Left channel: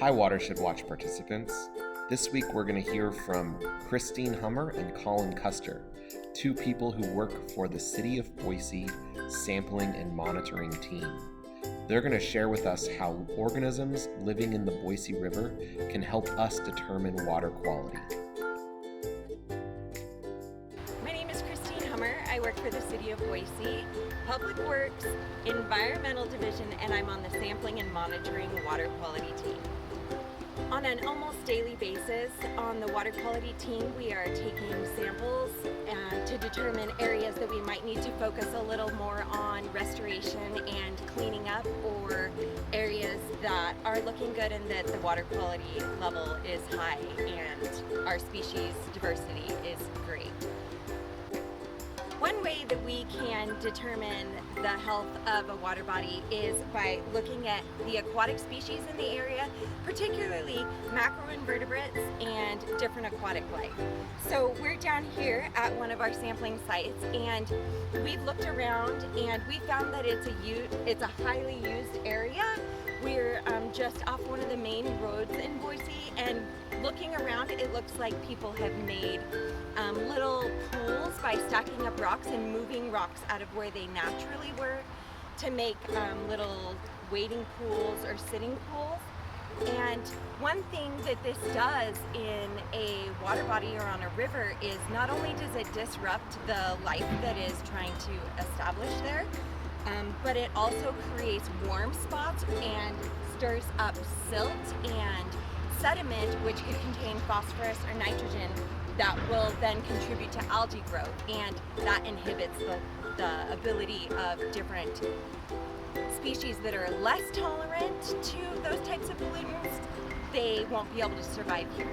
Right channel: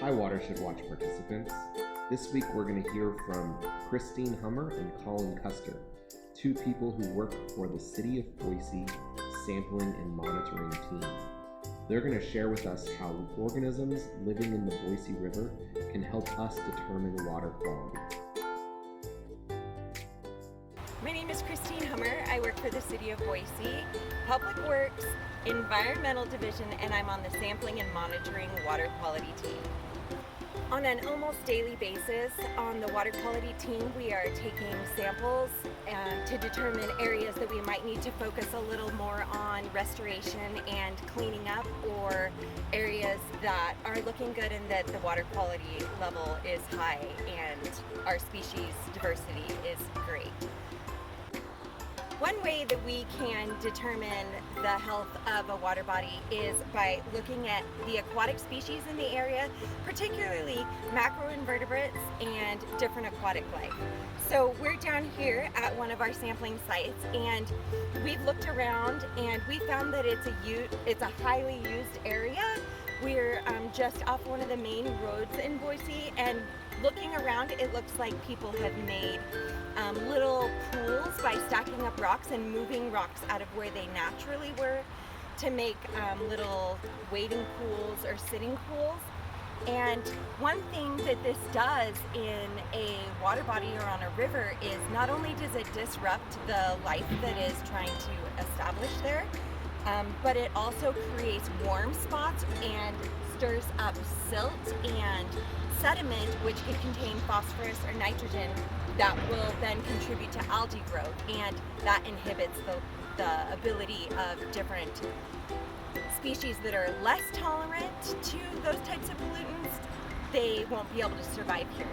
Hi WaterShed Watch participants. This week we're going to hear from Christine Hummer and Colin Custer, two people who work for the City of Boise Sampling and Monitoring Team. They're going to share with us how organisms living in the Boise River can help us determine water quality. My name is Christine Hummer. I work for the City of Boise, Public Works, Environmental Division, and I'm on the Sampling and Monitoring Water Quality Team. On an almost daily basis on the water quality team, we are taking samples to determine areas that we might need to focus a little more on restoration and cleaning up, or areas that are looking good and that the water quality level is high and our species diversity is great. One way that we can determine the health of a water body is by looking at the aquatic species in the area, particularly macroinvertebrates and different aquatic life. So we're down here at one of our sampling sites, and we've looked around and we found that it's a highly used area. We're just off one of the main roads in Boise, and looking around, it looks like people have made little pools by stacking up rocks and moving rocks out of where they naturally were to make little wading pools or sitting pools. And one thing that this does in a water body or on a river is not only does it disrupt the life that is trying to establish there, but it also creates warm spots and stirs up silt and sediment, which could contain phosphorus or nitrogen that will then contribute to algae growth, and that inhibits the ability of different species that are less tolerant to those types of pollutants. They won't be able to survive here.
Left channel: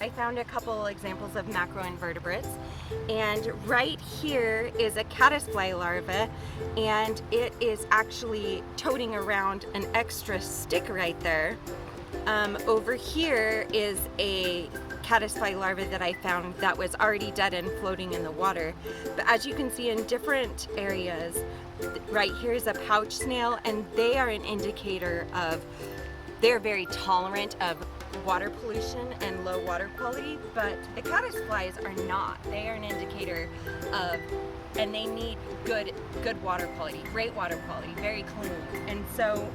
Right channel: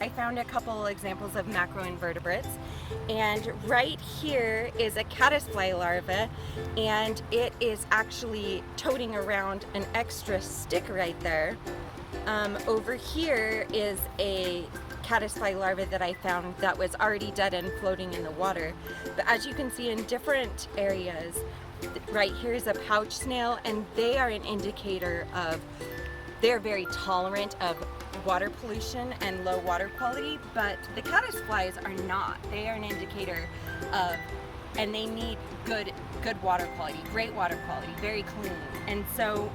I found a couple examples of macroinvertebrates, and right here is a caddisfly larva, and it is actually toting around an extra stick right there. Over here is a caddisfly larva that I found that was already dead and floating in the water. But as you can see in different areas, right here is a pouch snail, and they are an indicator of, they're very tolerant of water pollution and low water quality, but the caddisflies are not. They are an indicator of, and they need good water quality, great water quality, very clean. And so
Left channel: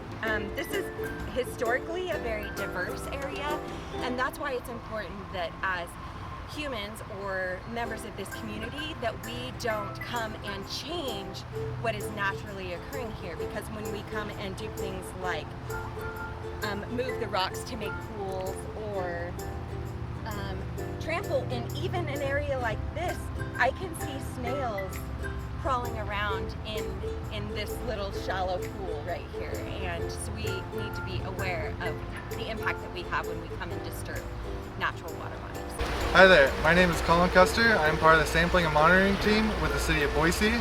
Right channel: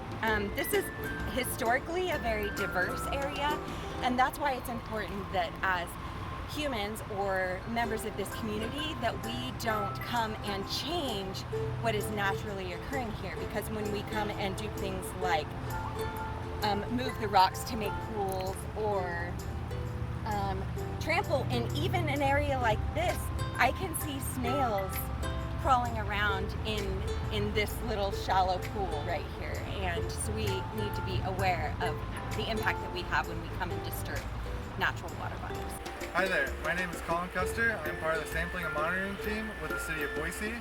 this is historically a very diverse area, and that's why it's important that as humans or members of this community that we don't come and change what is naturally occurring here, because when we come and do things like move the rocks to make pools, or trample in even an area like this, I can see snails crawling around in this little shallow pool right here, and so we need to be aware of the impact that we have when we come and disturb natural water bodies. Hi there, my name is Colin Custer. I'm part of the Sampling and Monitoring Team with the City of Boise.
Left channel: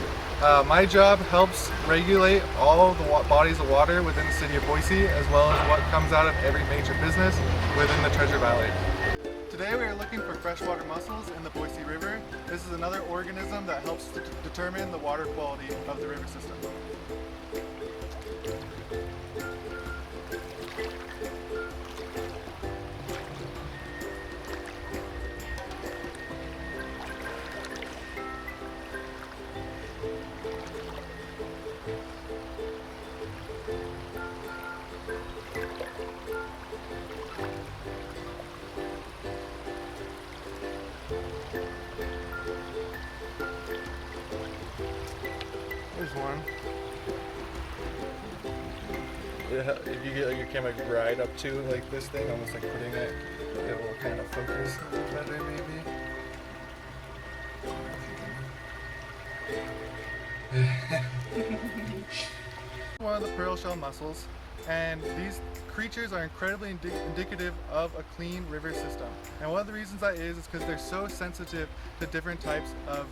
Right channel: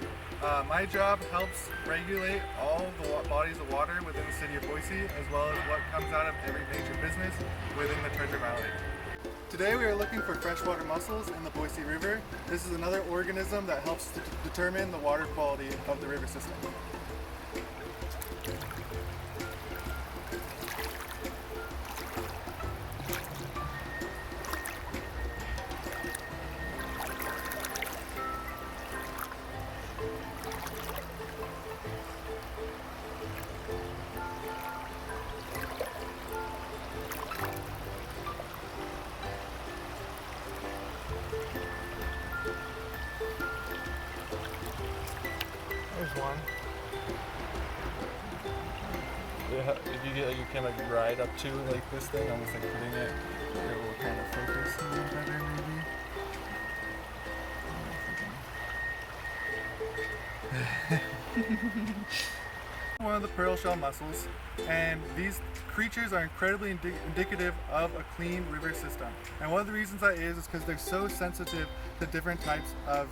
My job helps regulate all the bodies of water within the City of Boise, as well as what comes out of every major business within the Treasure Valley. Today we are looking for freshwater mussels in the Boise River. This is another organism that helps to determine the water quality of the river system. There's one. Yeah, if you get like your camera right up to like this thing, almost like putting it, it will kind of focus a little better maybe. One of the pearl shell mussels, and these creatures are incredibly indicative of a clean river system. And one of the reasons that is because they're so sensitive to different types of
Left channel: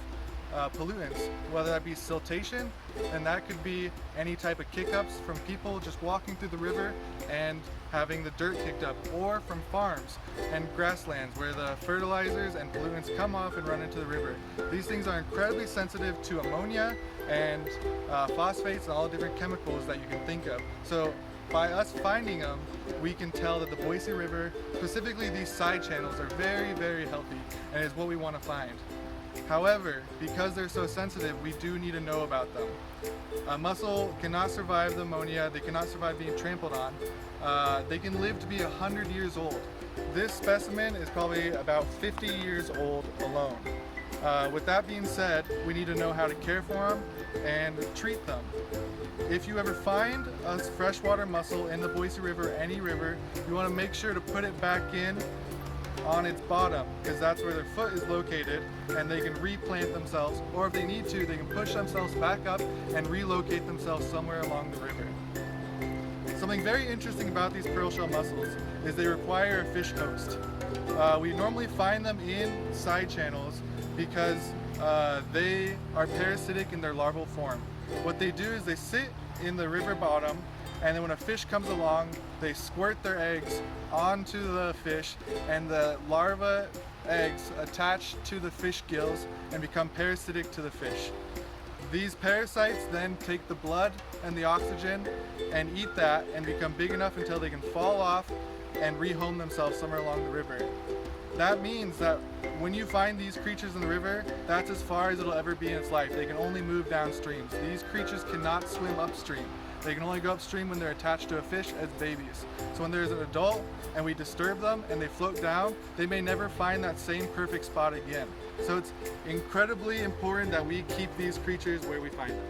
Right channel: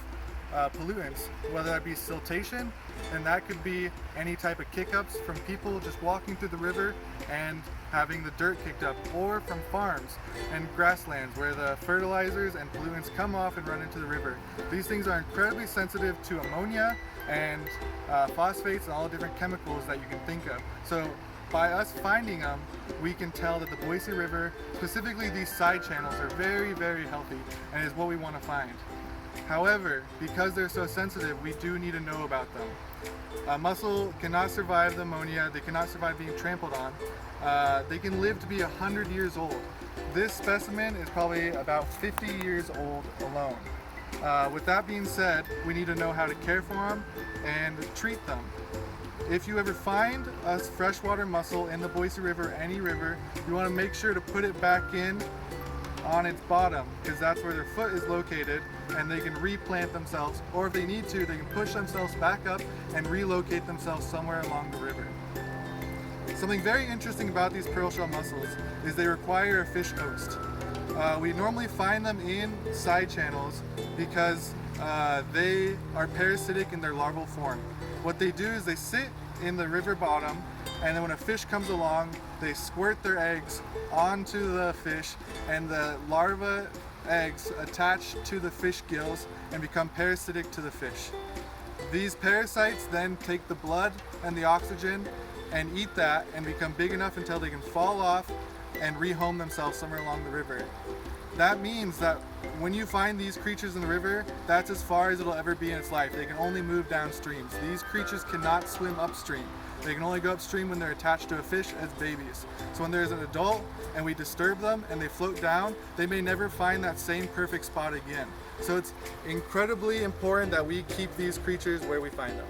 pollutants, whether that be siltation, and that could be any type of kick-ups from people just walking through the river and having the dirt kicked up, or from farms and grasslands where the fertilizers and pollutants come off and run into the river. These things are incredibly sensitive to ammonia and phosphates and all the different chemicals that you can think of. So by us finding them, we can tell that the Boise River, specifically these side channels, are very, very healthy and is what we want to find. However, because they're so sensitive, we do need to know about them. A mussel cannot survive the ammonia, they cannot survive being trampled on. They can live to be 100 years old. This specimen is probably about 50 years old alone. With that being said, we need to know how to care for them and treat them. If you ever find a freshwater mussel in the Boise River, any river, you want to make sure to put it back in on its bottom, because that's where their foot is located, and they can replant themselves, or if they need to, they can push themselves back up and relocate themselves somewhere along the river. Something very interesting about these pearl shell mussels is they require a fish host. We normally find them in side channels because they are parasitic in their larval form. What they do is they sit in the river bottom, and then when a fish comes along, they squirt their eggs onto the fish, and the larva eggs attach to the fish gills and become parasitic to the fish. These parasites then take the blood and the oxygen and eat that and become big enough until they can fall off and rehome themselves somewhere along the river. That means that when you find these creatures in the river, that's as far as it'll ever be in its life. They can only move downstream. These creatures cannot swim upstream. They can only go upstream when they're attached to a fish as babies. So when there's an adult and we disturb them and they float down, they may never find that same perfect spot again. So it's incredibly important that we keep these creatures where we find them.